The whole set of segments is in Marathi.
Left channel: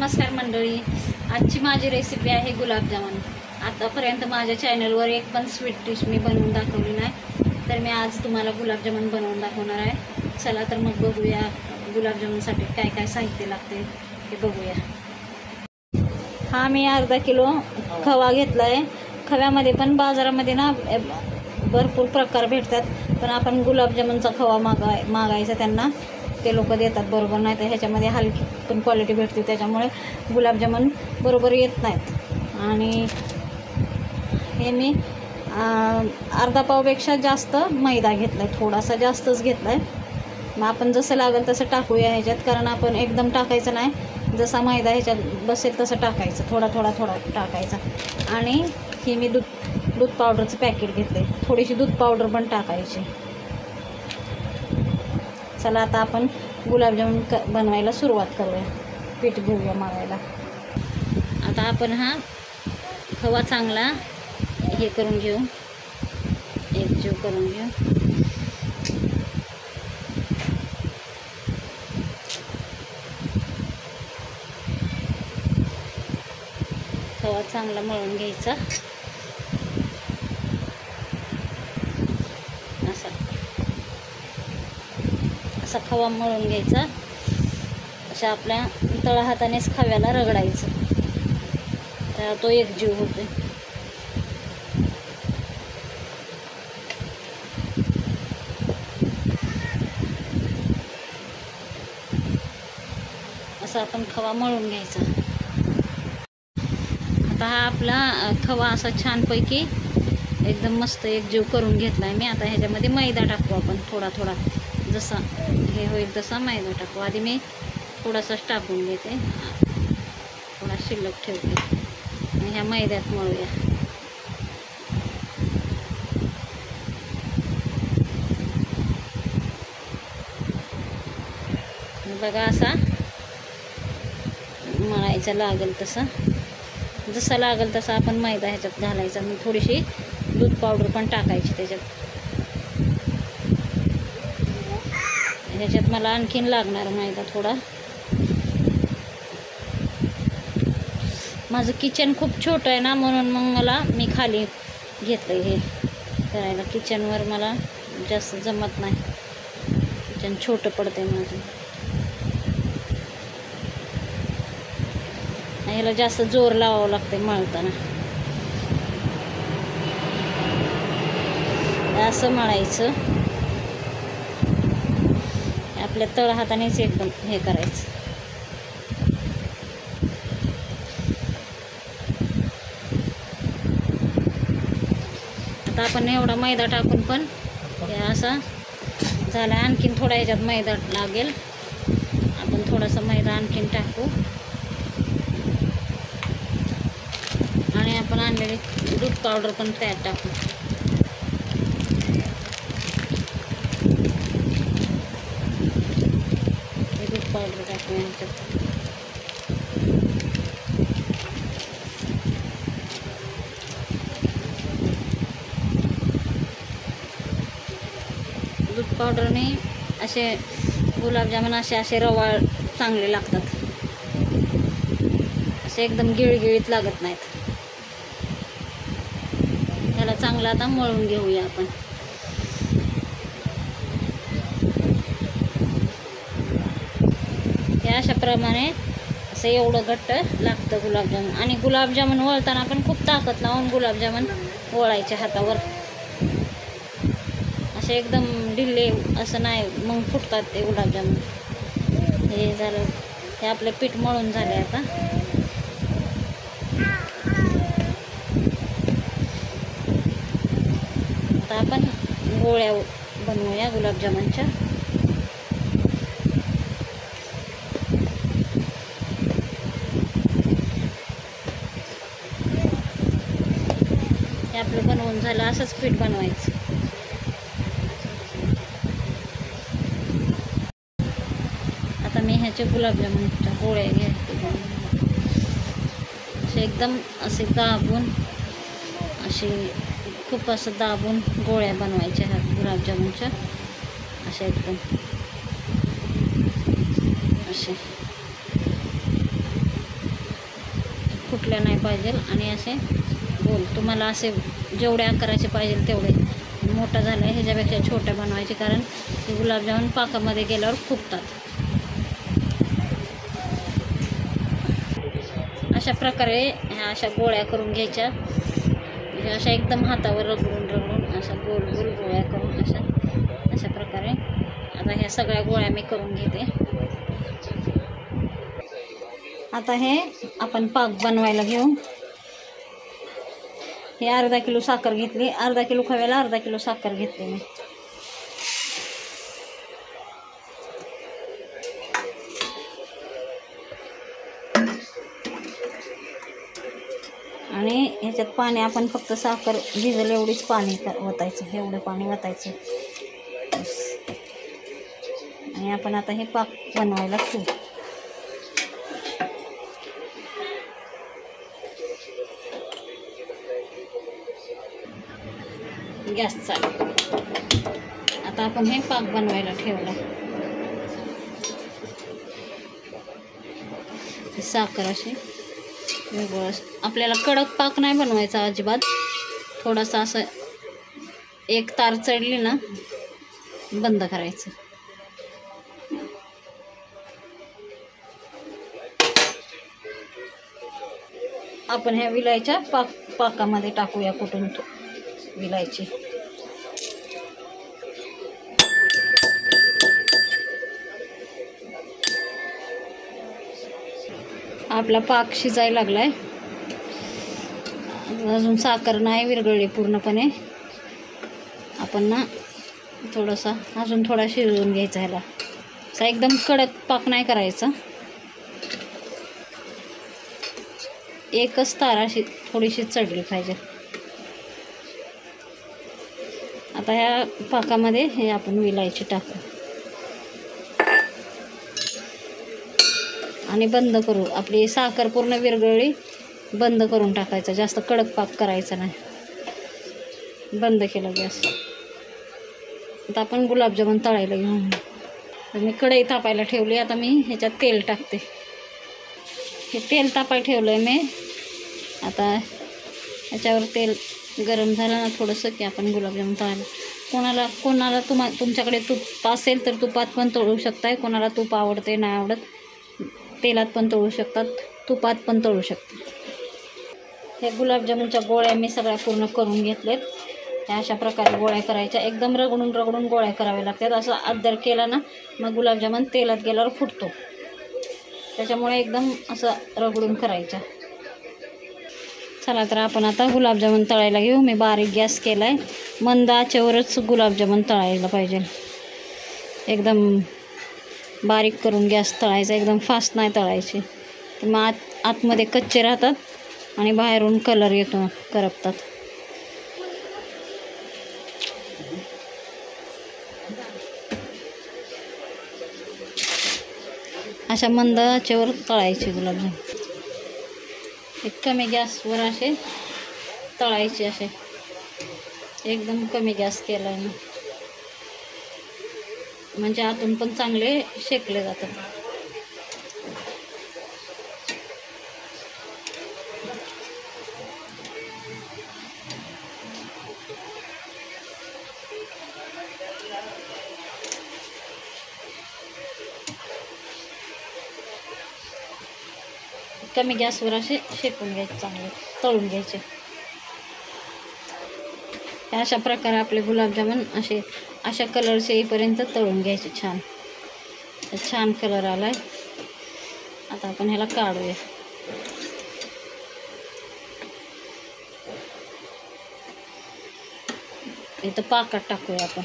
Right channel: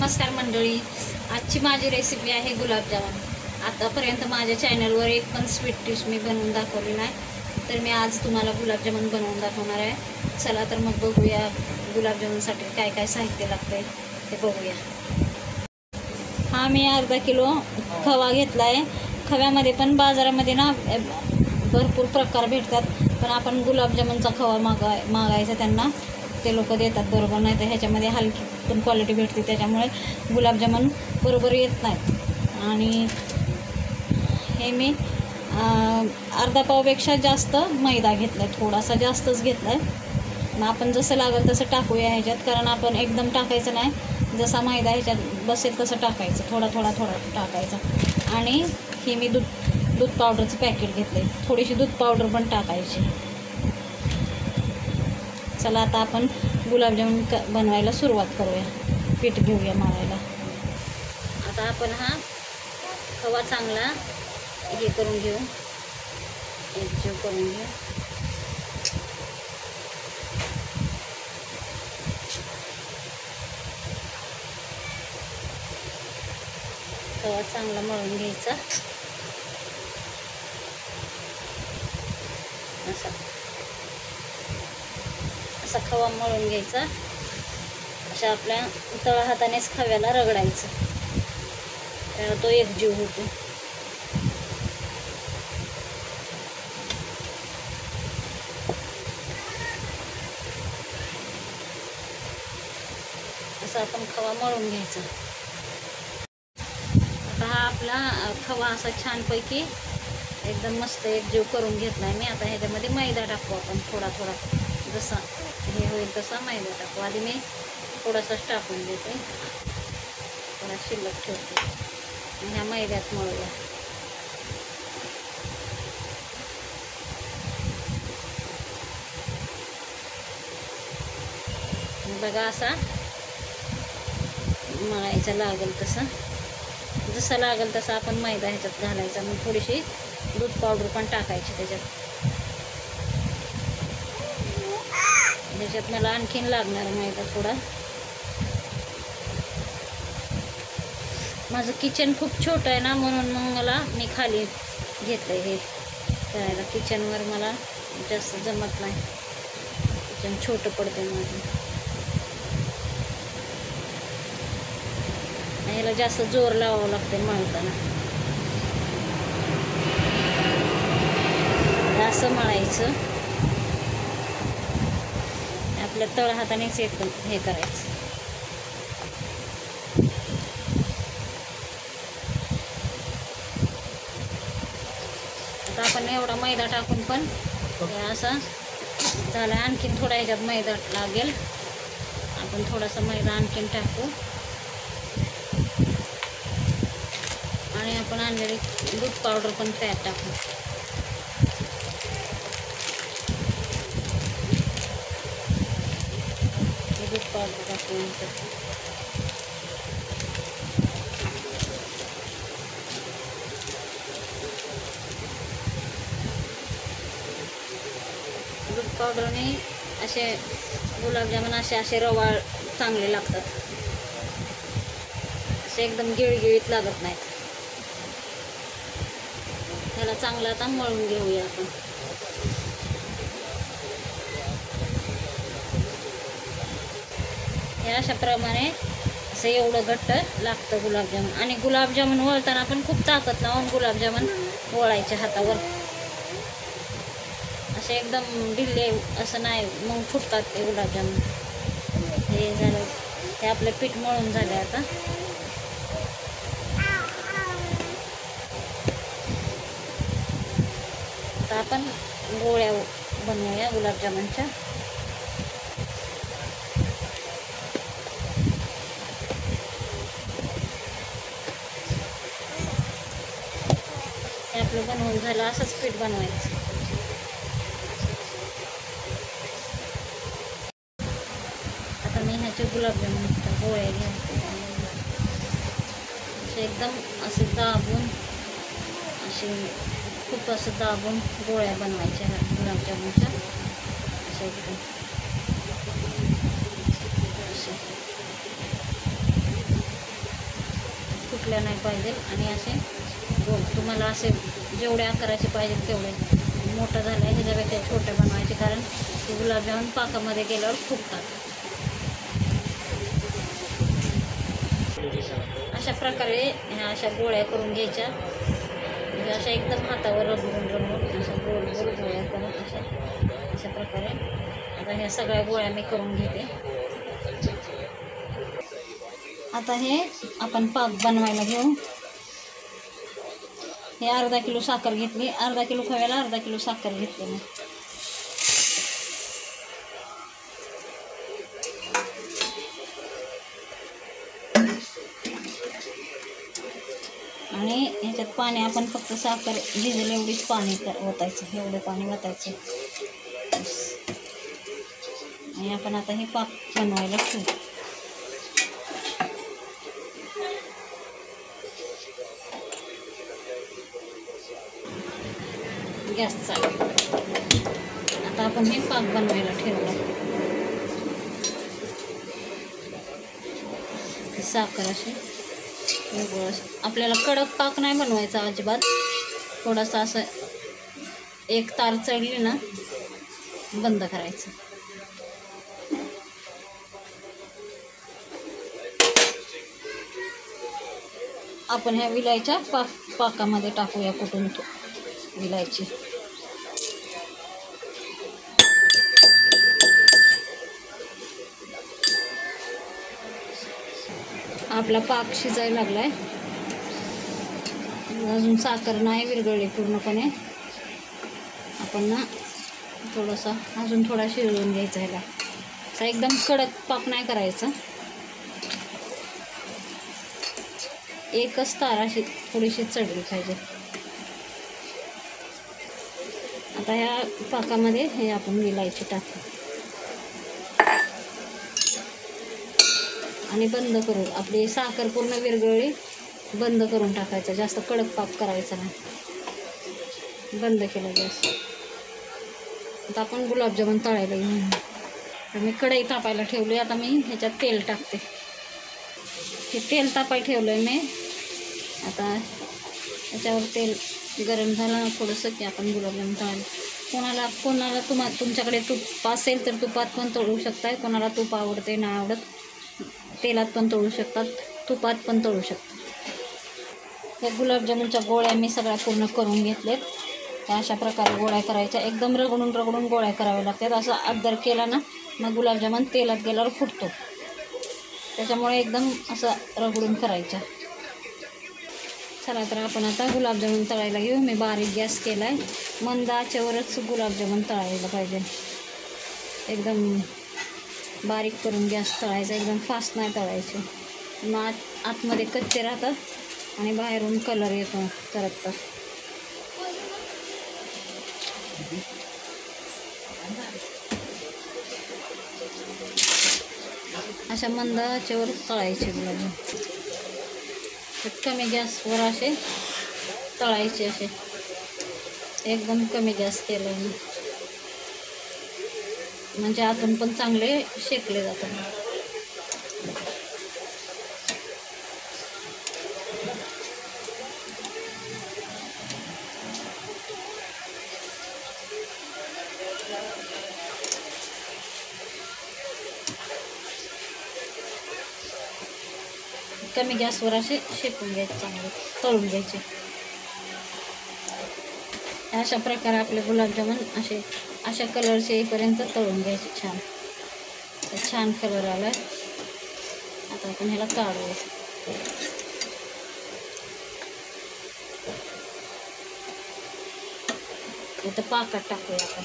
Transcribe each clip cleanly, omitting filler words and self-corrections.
नमस्कार मंडळी, आजची माझी रेसिपी आहे गुलाबजामुन। आतापर्यंत माझ्या चॅनलवर एक पण स्वीट डिश मी बनवून दाखवली नाही, तर मी आज तुम्हाला गुलाबजामुन बनवून दाखवणार आहे। चला तर मग बघूया गुलाबजामुनसाठी काय काय साहित्य लागते ते बघूया। हा मी अर्धा किलो खवा घेतला आहे। खव्यामध्ये पण बाजारामध्ये ना भरपूर प्रकार भेटतात, पण आपण गुलाबजामुनचा खवा मागायचा त्यांना, ते लोक देतात बरोबर, नाही तर ह्याच्यामध्ये हलकी पण क्वालिटी भेटते, त्याच्यामुळे गुलाबजामुन बरोबर येत नाहीत। आणि हे मी अर्धा पावपेक्षा जास्त मैदा घेतला आहे, थोडासा जास्तच घेतला आहे। मग आपण जसं लागेल तसं टाकूया ह्याच्यात, कारण आपण एकदम टाकायचं नाही, जसा मैदा ह्याच्यात बसेल तसं टाकायचं, थोडा थोडा थोडा टाकायचा। आणि ही मी दूध पावडरचं पॅकेट घेतले, थोडीशी दूध पावडर पण टाकायची। चला आता आपण गुलाबजामुन बनवायला सुरुवात करूया। पीठ घेऊया मळायला। आता आपण हा खवा चांगला हे करून घेऊ, एकजीव करून घेऊ। खवा चांगला मळून घ्यायचा, असा खवा मळून घ्यायचा। अशा आपल्या तळ हातानेच खव्याला रगडायचं, तर तो एकजीव होतो। असा आपण खवा मळून घ्यायचा। आता हा आपला खवा असा छानपैकी एकदम मस्त एकजीव करून घेतलाय मी। आता ह्याच्यामध्ये मैदा टाकू आपण, थोडा थोडा जसा हे होईल तसा मैदा टाकू। आधी मी थोडासाच टाकून देते, थोडा शिल्लक ठेवते आणि ह्या मैद्यात मळूया। बघा असा मळायचा, लागेल तसा, जसा लागेल तसा आपण मैदा ह्याच्यात घालायचा। मग थोडीशी दूध पावडर पण टाकायची त्याच्यात। ह्याच्यात मला आणखीन लागणार मैदा थोडा। माझं किचन खूप छोटं आहे ना, म्हणून मग मी खाली घेतलं हे करायला। किचनवर मला जास्त जमत नाही, किचन छोटं पडतंय माझं। ह्याला जास्त जोर लावावं लागते मळताना। असं मळायचं, आपल्या तळ हातानेच एकदम हे करायचं। आता आपण एवढा मैदा टाकून पण हे असा झाला। आणखीन थोडा ह्याच्यात मैदा लागेल, आपण थोडासा मैदा आणखीन टाकू। आणि आपण आणलेली दूध पावडर पण त्यात टाकू। दूध पावडर टाकूया। दूध पावडरने असे गुलाबजामुन असे रवाळ चांगले लागतात, असे एकदम गिळगिळीत लागत नाहीत। त्याला चांगला आता मळून घेऊया आपण। हे अशा प्रमाणे असं एवढं घट्ट लागतं गुलाबजामुन। आणि गुलाबजामुन वळताना आपण खूप ताकद लावून गुलाबजामुन वळायचे हातावर, असे एकदम ढिल्ले असं नाही, मग फुटतात ते गुलाबजामुन। हे झालं, हे आपलं पीठ मळून झाले। आता आपण गोळ्या बनवूया गुलाबजामुनच्या। हे आपलं बनवून झालं, असंच पीठ बनवायचं। आता मी ह्याच्या गुलाबजामुनच्या गोळ्या घेते, असे एकदम असे दाबून, असे खूप असं दाबून गोळ्या बनवायच्या ह्या गुलाबजामुनच्या, अशा एकदम असे। फुटल्या नाही पाहिजे आणि असे गोल तुम्हाला असे जेवढे आकाराचे पाहिजे तेवढे मोठं झालं आहे ह्याच्यापेक्षा छोट्या बनवायचे कारण गुलाबजामुन पाकामध्ये गेल्यावर फुटतात. अशा प्रकारे ह्या अशा गोळ्या करून घ्यायच्या, अशा एकदम हातावर रगडून अशा गोल गोल गोळ्या करून अशा प्रकारे. आता ह्या सगळ्या गोळ्या मी करून घेते. आता हे आपण पाक बनवायला घेऊ. हे अर्धा किलो साखर घेतली, अर्धा किलो खव्याला अर्धा किलो साखर घेतली मी. आणि ह्याच्यात पाणी आपण फक्त साखर भिजल एवढीच पाणी ओतायचं, एवढं पाणी ओतायचं. आणि आपण आता हे पाक बनवायला ठेवू. गॅस चालू. आता आपण हे पाक बनवायला ठेवलं. साखर अशी वेगळं, आपल्याला कडक पाक नाही बनवायचा अजिबात. थोडासा असं एक तार चढली ना बंद करायचं. आपण ह्या विलायच्या पाकामध्ये टाकूया कुठून विलायची. आपला पाक शिजायला लागलाय, अजून साखर नाही विरघळली पूर्णपणे. आपण ना थोडासा अजून थोडा शिजवून घ्यायचा ह्याला. असा एकदम कडक पाक नाही करायचा, एकच तार अशी थोडीशी चढली पाहिजे. आता ह्या पाकामध्ये हे आपण विलायची टाकू आणि बंद करू. आपली साखर पूर्ण विरघळली, बंद करून टाकायचं. जास्त कडक पाक करायचा नाही. बंद केला गॅस. आता आपण गुलाबजामुन तळायला घेऊन. मी कढई तापायला ठेवली. आता मी ह्याच्यात तेल टाकते. हे तेल तापायला ठेवलं आहे मी. आता ह्याच्यावर तेल गरम झालं ना थोडंसं की आपण गुलाबजामुन तळायला. कोणाला तुमच्याकडे तूप असेल तर तुपात पण तळू शकताय. कोणाला तूप आवडते नाही आवडत तेलात पण तळू शकतात, तुपात पण तळू शकतात. हे गुलाबजामुनच्या गोळ्या मी सगळ्या पूर्ण करून घेतलेत. ह्या अशा प्रकारे गोळ्या करायच्या. एकदम रगडून गोळ्या कराव्या लागतात. असं अद्दर केला ना मग गुलाबजामुन तेलात गेल्यावर फुटतो. त्याच्यामुळे एकदम असं रगडून करायचं. चला तर आपण आता गुलाबजामुन तळायला घेऊ. मी बारीक गॅस केला आहे. मंद आचेवरच गुलाबजामुन तळायला पाहिजे. एकदम बारीक करून गॅस तळायचा, एकदम फास्ट नाही तळायची. मग आतमध्ये कच्चे राहतात आणि बाहेरून कलर येतो, करपतात. अशा मंद आचेवर तळायचे गुलाबजामुन. कमी गॅसवर असे तळायचे. असे एकदम कमी गॅस केला मी, म्हणजे आतून पण चांगले शेकले जातात. कमी गॅसवर असे शेकून घ्यायचे, चांगले तळून घ्यायचे. अशा प्रकारे आपले गुलाबजामुन अशा कलरचे येईपर्यंत तळून घ्यायचे. छान कलर आलाय. आता आपण ह्याला काढूया. इथं पाकात टाकूया आपण.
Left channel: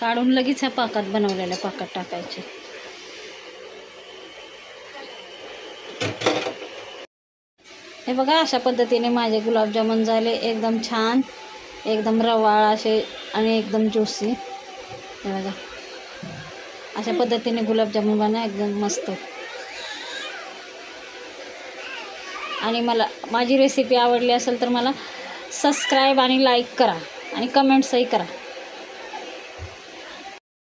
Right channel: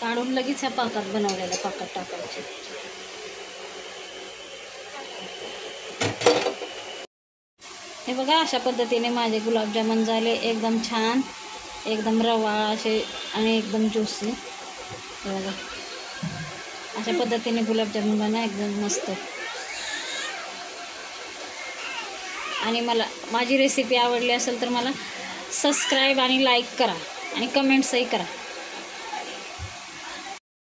काढून लगेच ह्या पाकात बनवलेल्या पाकात टाकायचे. हे बघा अशा पद्धतीने माझे गुलाबजामुन झाले. एकदम छान, एकदम रवाळ असे आणि एकदम ज्युसी. हे बघा अशा पद्धतीने गुलाबजामुन बनवा, एकदम मस्त. आणि माझी रेसिपी आवडली असेल तर मला सबस्क्राईब आणि लाईक करा आणि कमेंट्सही करा.